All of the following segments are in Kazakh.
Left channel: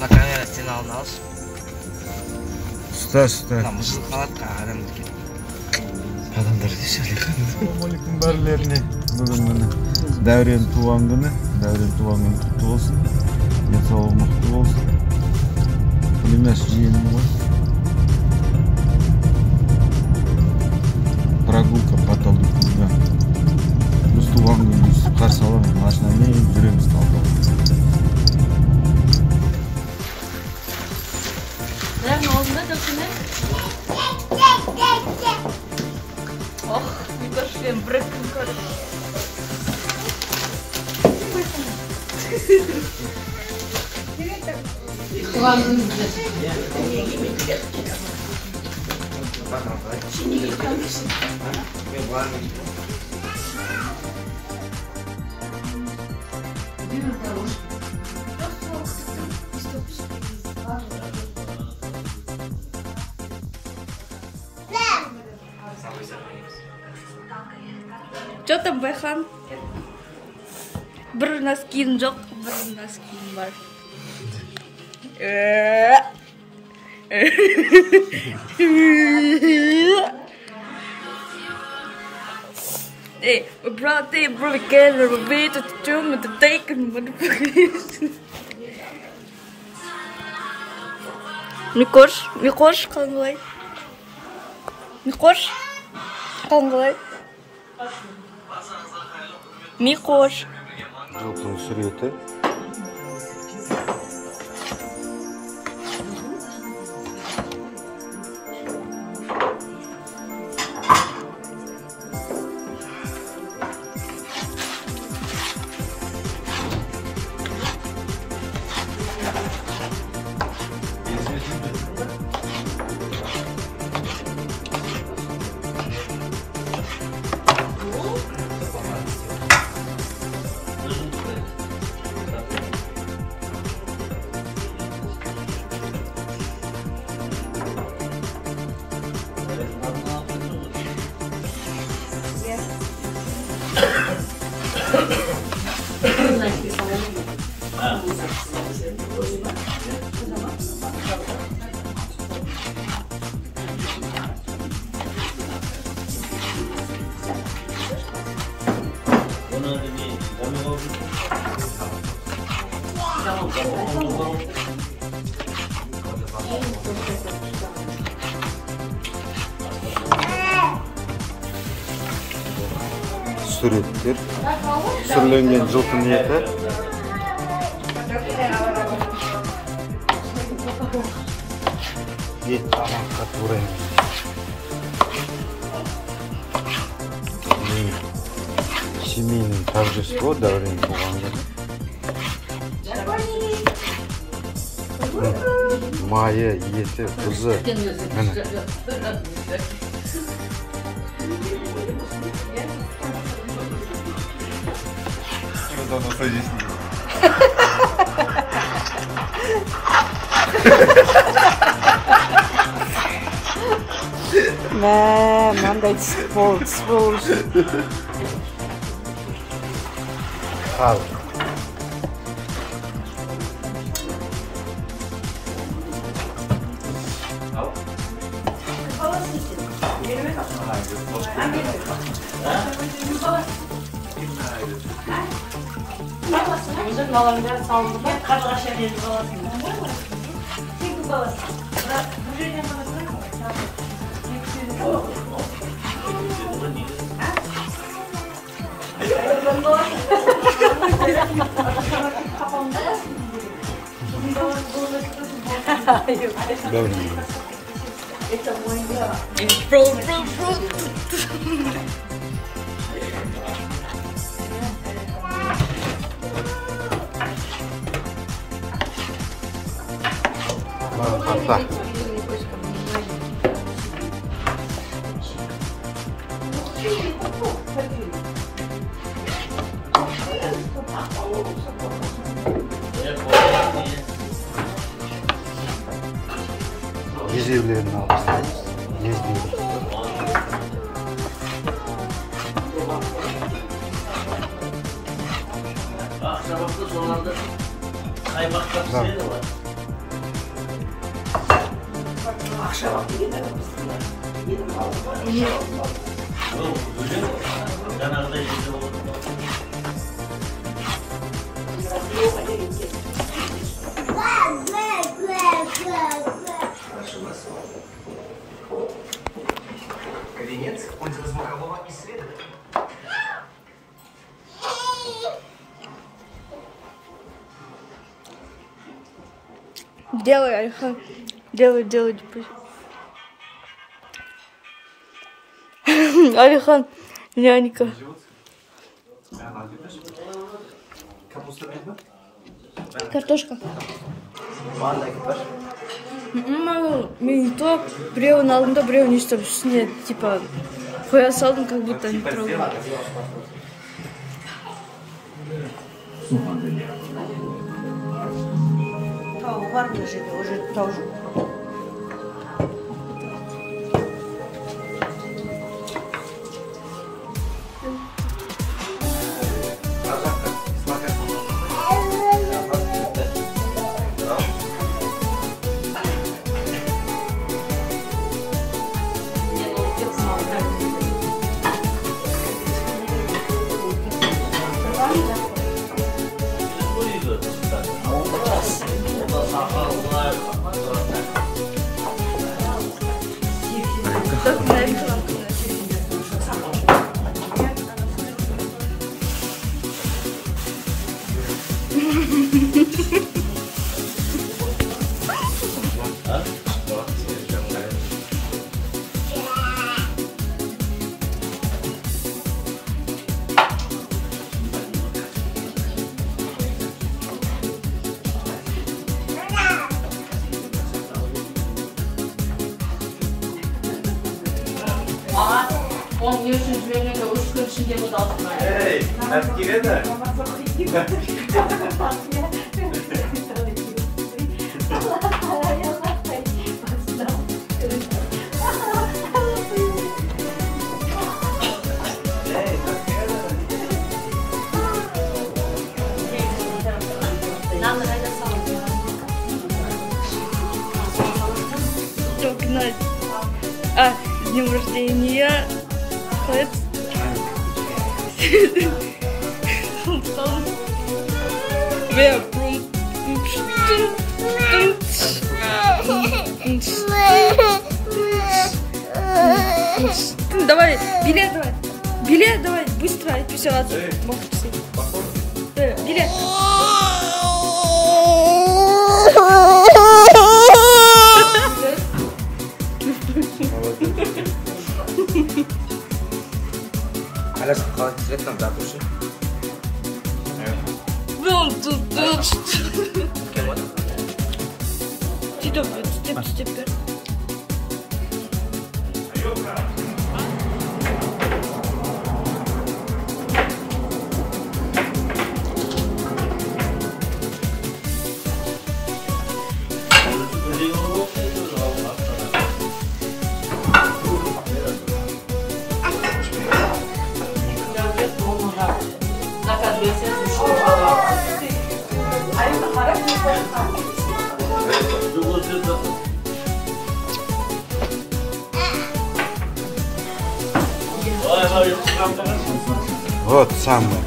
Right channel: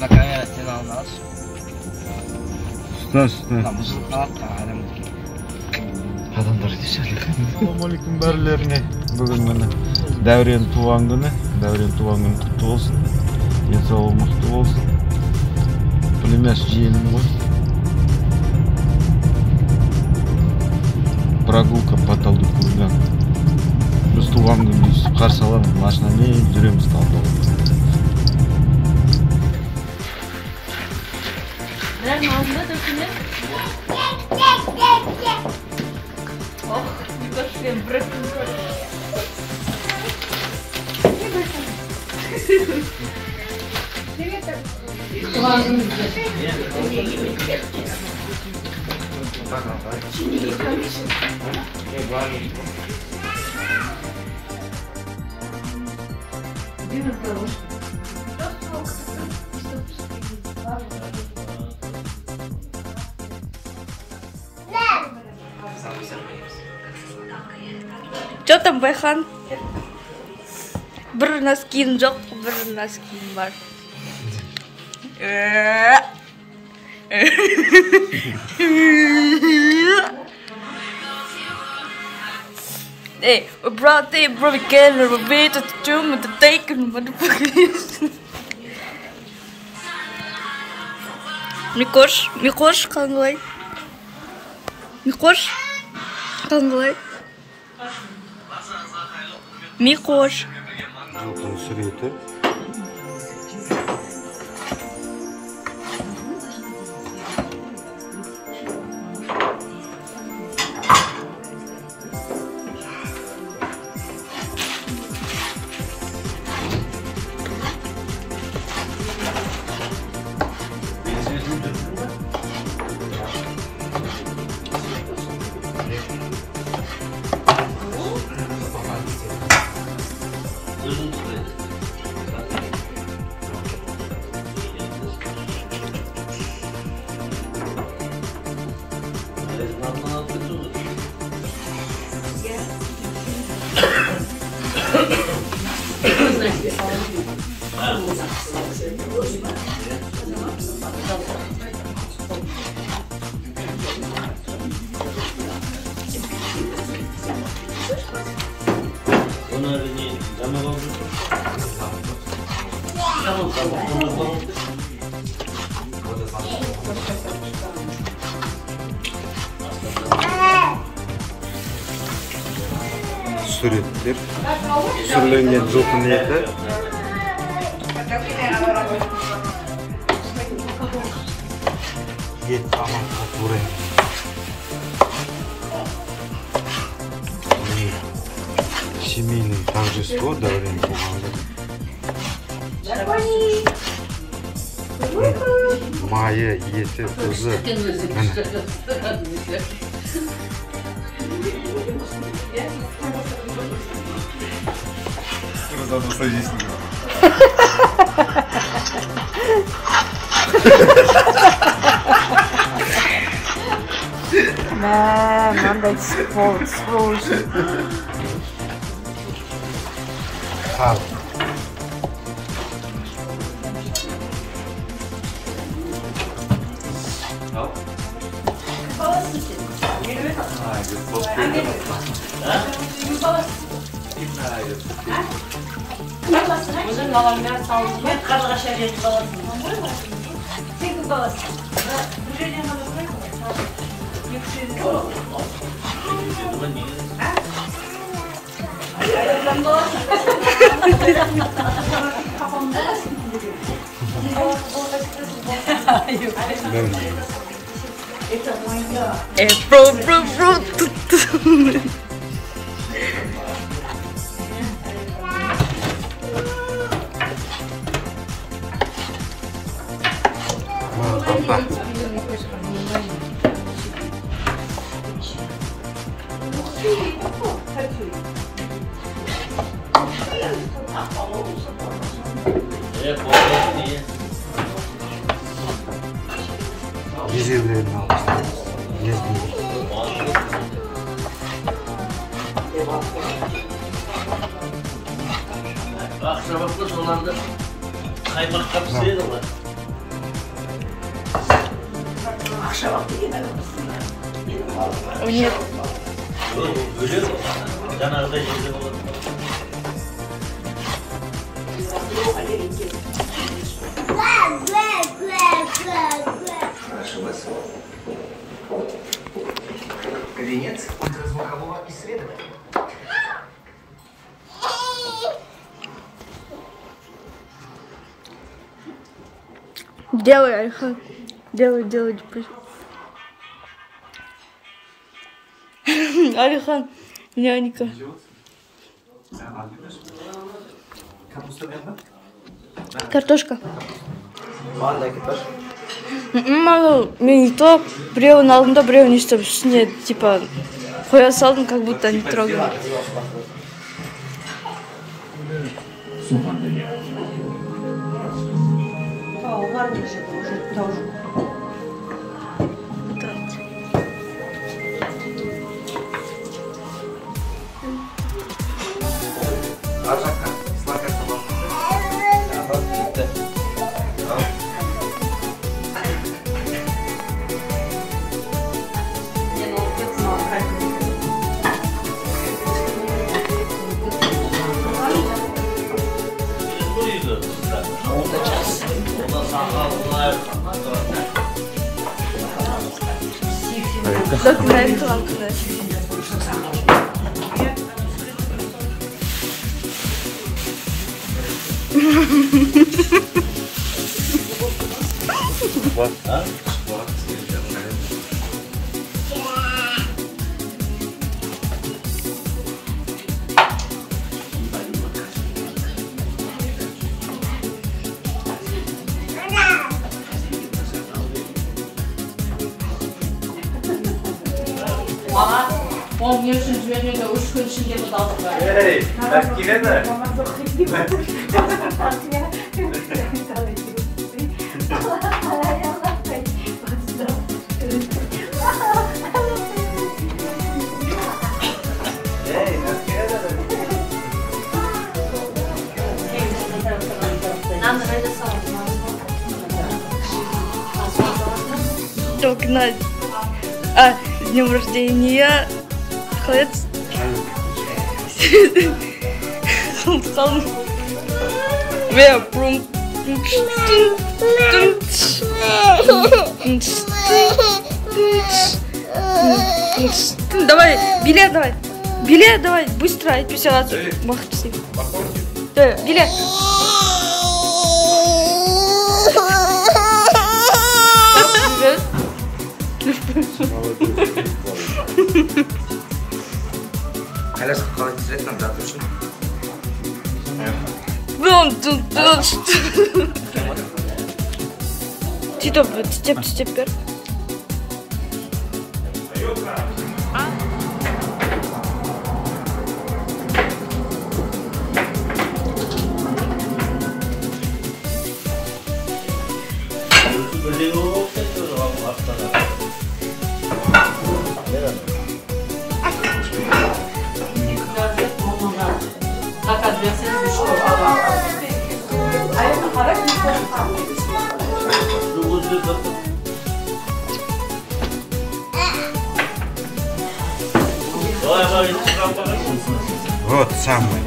Da kamera seni almaz. Usta. Adamlar dışarı. Assalamualaikum barilerine. Bugün mana Davren tuğan günü. Davren tuğan günü kutlu olsun. Денсаулығы мықты болсын. Пулемет жиенім ғой. Прогулка по Талдыкулга. Біз туған күнді қарсы аламыз, машинамен жүреміз Талдыкулга. Бұлардың алдында дұрсыңыз? Ох, үйгөшпен бір күн көріп. Туған күніңізде. Что там, Байхан? Бір носкин жоқ, бір носкин бар. Hey, we brought the together, we waited to tomb with the taken motherfuckers. Микош, қалай? Микош, қалай? Микош. Suretler, sürlengen жылқы еті. Ет аманға турайды. Семейный торжество Даврен туғаны. Майя, еті, тұзы. Давно садись на него. Надо слушать. Нет. Венец ультразвукового исследования. Делай, Альхан. Делай. Альхан, нянька. Картошка. Мен то біреуін алдым да біреуін өйстіп үстіне типа қоя салдым, как будто не трогаю. Он не үшін жібермеді, 3 күн ішінде бұл далдық. Ей, так келеді. Только на... с днем рождения. Хлеб. Давай, билет давай, быстро, отписаться. Бахтысы. Билет. Теперь. Вот самое.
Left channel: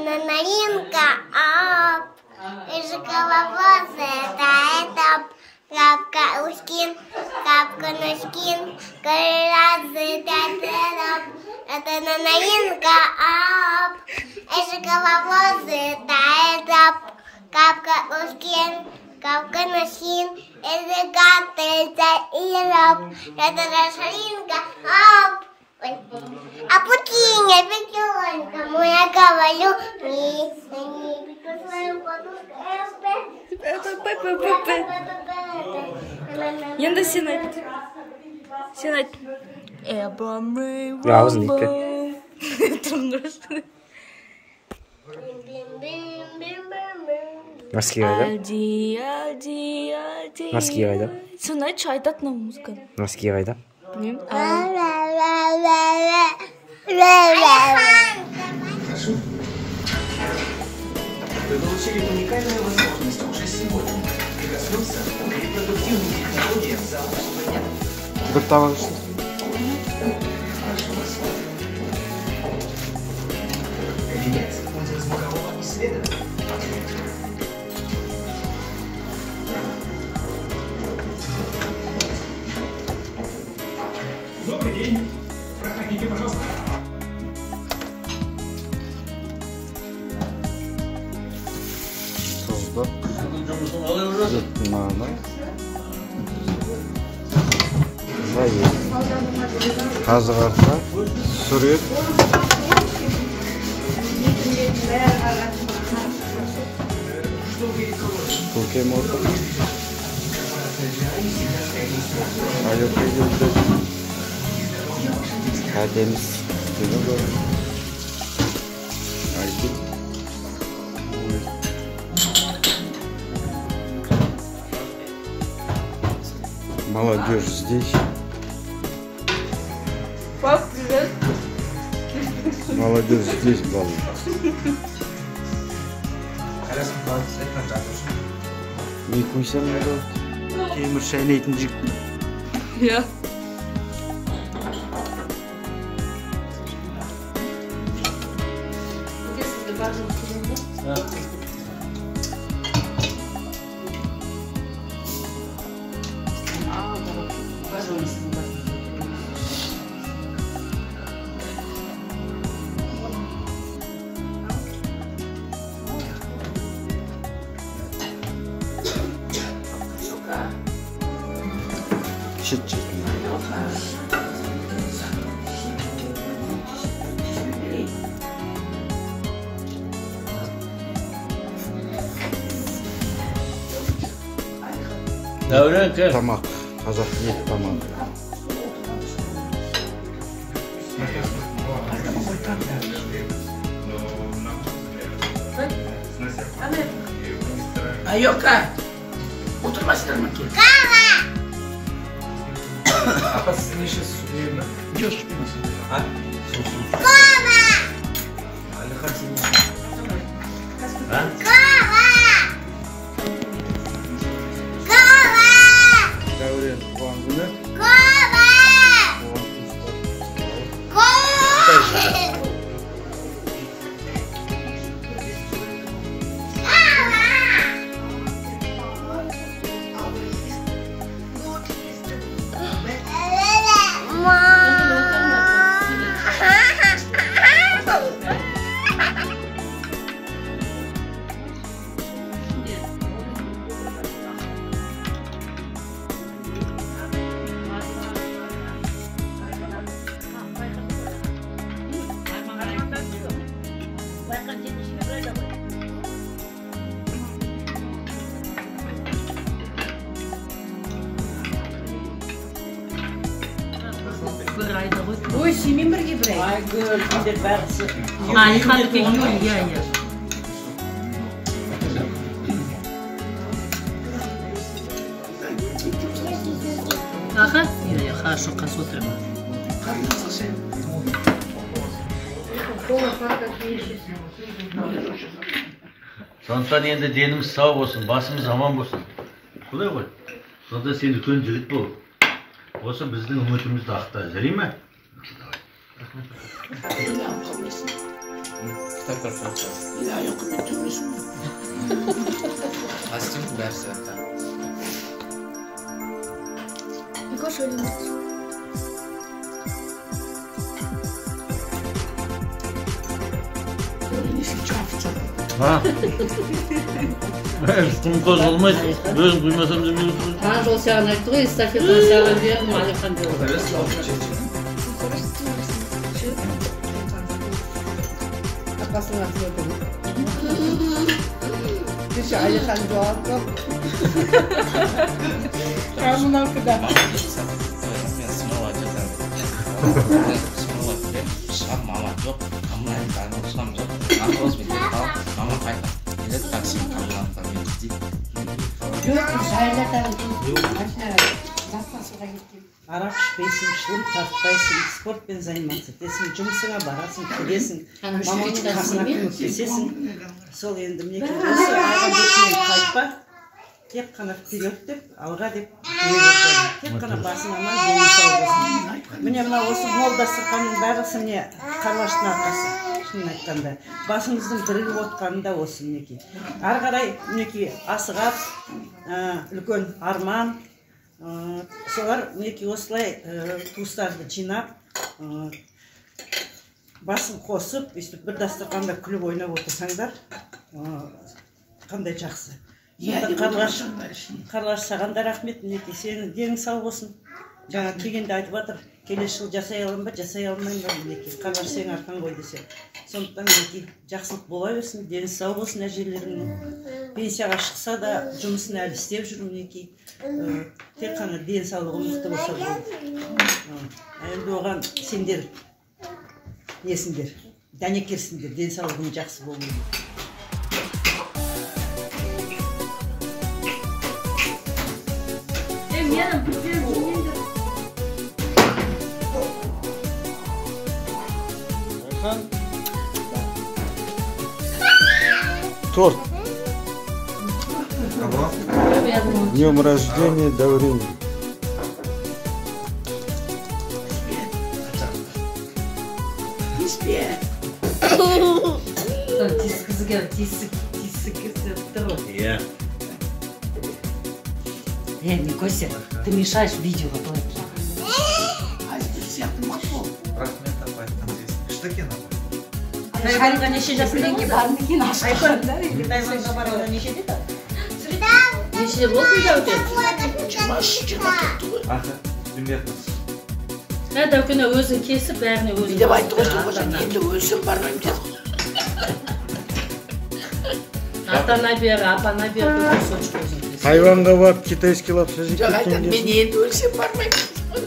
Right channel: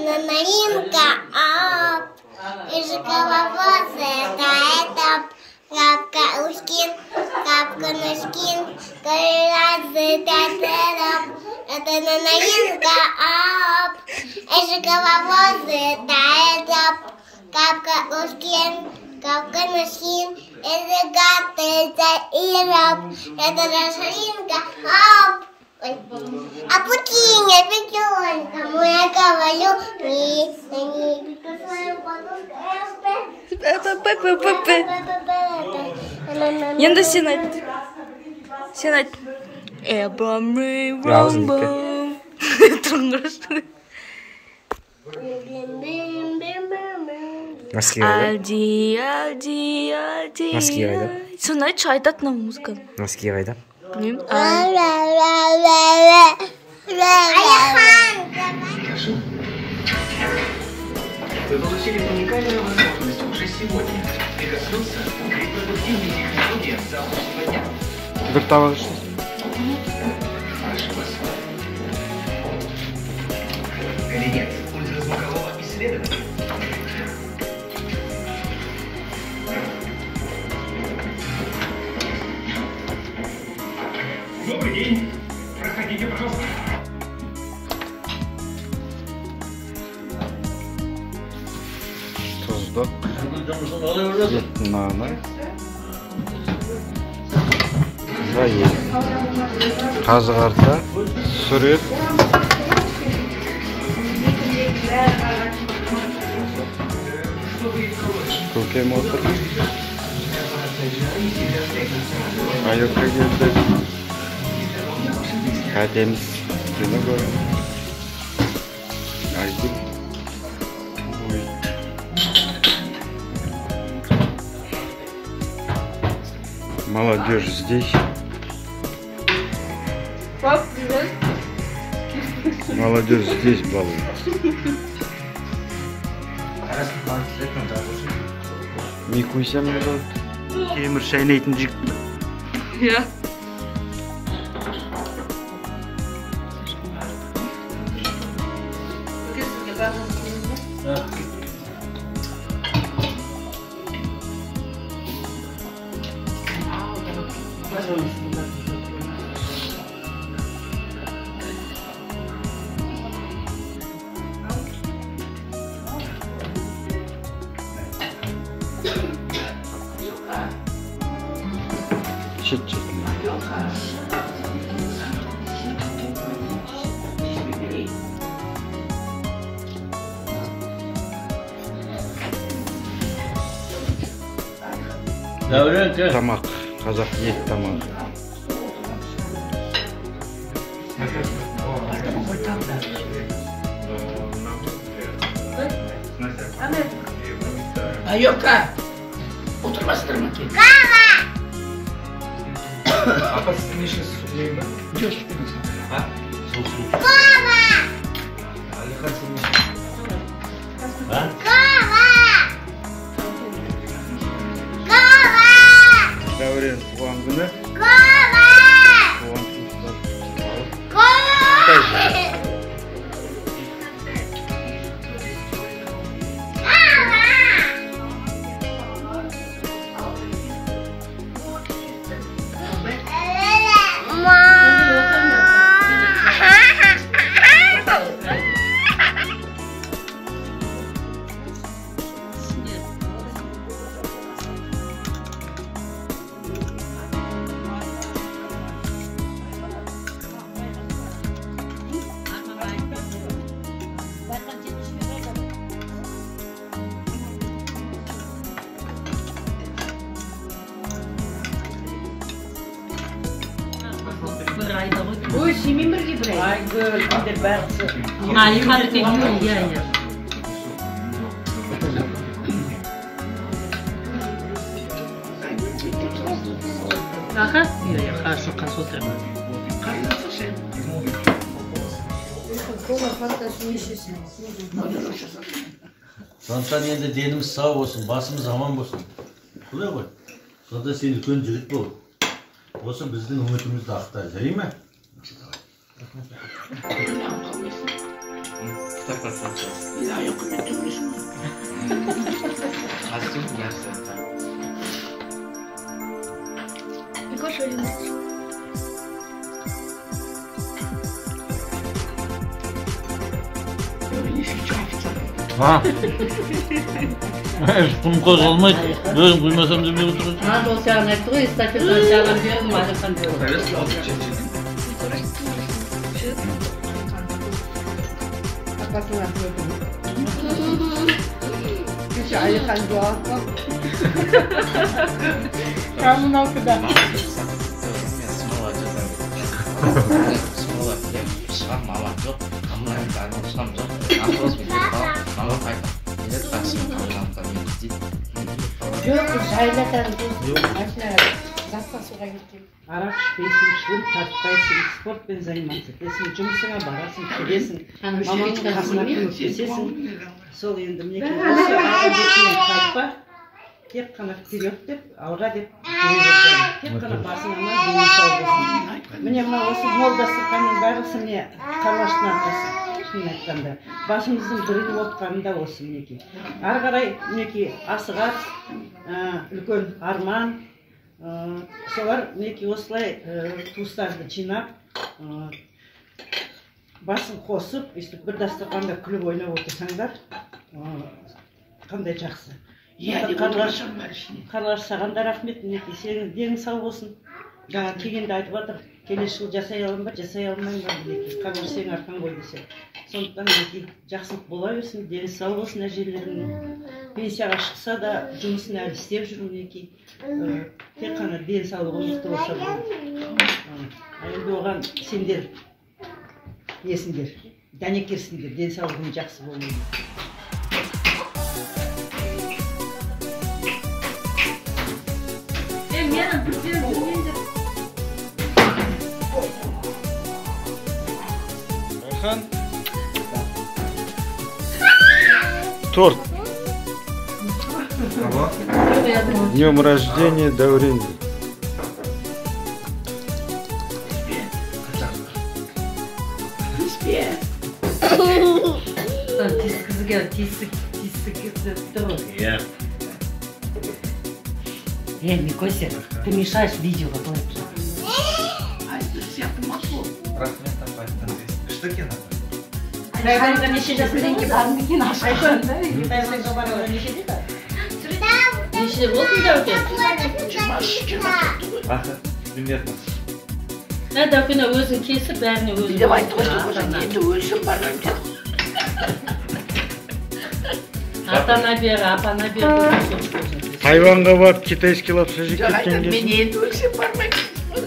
Налимка, ап, жикововозы, это лапка ушкин, капка ножкин, коразы, это налимка, ап, жикововозы, это капка ушкин, капка ножкин, это гаты, и раб, это рашлинка, ап. А путиня, пятёнка, моя говорю, не пику свою подушку, Это Пепе. Енді сен айт. Эбамрей ромбом. Тұрыңғыршы. Алди, алди, алди. Носки қайда? Соны айтшы, айтатын ау музыканы. Носки қайда? Білмеймін. Вы получили уникальную возможность уже сегодня прикоснуться к репродуктивным технологиям завтрашнего дня. Bir tabak işte. Прошу вас. Кабинет ультразвукового исследования. Добрый день. Проходите, пожалуйста. Tuzlu. Nane. Zayıf. Kazıkarta. Sürüt. Kokem otur. Ayakta geldi. Kademiz. Günü koyun. Aydın. Молодежь здесь. Молодежь здесь балует. Не куйсам не болады. Темір шайнайтын жігіт. Иә. Чет-чет. Тамақ. Қазақ ет тамақ. Ayokka. Oturmasınlar mı ki? Apa sizin işin suyayım mı? Yok. Ha? Дәурен туған күні. Ой, семейный гибрид. Ай, а, не надо как я. Ага, я хорошо консультирую. Сондықтан енді деніміз сау болсын, басымыз аман болсын. Құдай ғой. Сонда сен үлкен жігіт бол. Осы біздің үмітімізді ақта, жарай ма? Құм қозғалмайды, өз білмесем де беріп тұр. Сол саған айтты ғой, эстафетаны саған бердім, Алихан жоқ. Алихан жоқ. Қамын оқыда. Шам мала жоқ, қамын айтқаны шам жоқ. Ақыз біліп қал, мама қайта. Келет қақсын қалғанға мен Жоқ, жайлатамын деп машина запасыға кеткен. Арақ ішпейсің, шылым тартпайсың, спортпен заниматься етесің, жұмысыңа барасың, келесің, мамаңның қасына көмектесесің. Сол енді мінекей осы алға бетінен қайтпа, тек қана вперед деп, алға деп тек қана басың аман, денің сау болсын. Міне мына осы мол дастарханның бәрісі міне Қарлаштың арқасы. Шынын айтқанда, басымыздың бірігіп отқанында осы мінекей. Ары қарай мінекей асығар, үлкен арман, солар мінекей осылай туыстарды жинап, басын қосып, бір дастарханда күліп ойнап отырсаңдар, қандай жақсы. Қарлаш, саған да рахмет, мінекей, сенің денің сау болсын. Жаңа келгенде айтып жатыр, келесі жыл жасай аламын ба, жасай алмаймын ба, мінекей. Қарлаш сенің арқан ғой десе. Сондықтан мінекей жақсылық бола берсін, дені сау болсын әжелеріңнің. Пенсияға шықса да жұмысын әлі істеп жүр мінекей. Тек қана дені саулығы мықты болса болды. Енді оған сендер несіңдер, дәнекерсіңдер, дені саулығың жақсы болуы. Айхан. Торт. Днем рождения, Дәурен. Никося, ты мешаешь видео. Что тебе надо? Айханға неше жасыңдан кейін Айхан, Қытайға баруға неше дейді? Неше болсын Дәукен? Примерно. Дәукен өзің кесіп, бәріне өзің. Деп айтып енді өзім барған жоқ. Атана бері, апана бері. Тайванға барып китайский лапша жеп кеткен Мен кезде. енді өлсем бармаймын.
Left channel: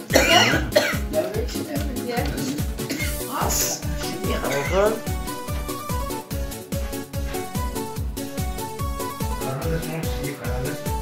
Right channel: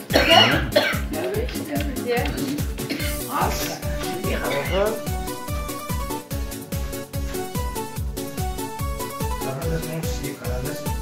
Канада, можешь, и Канада.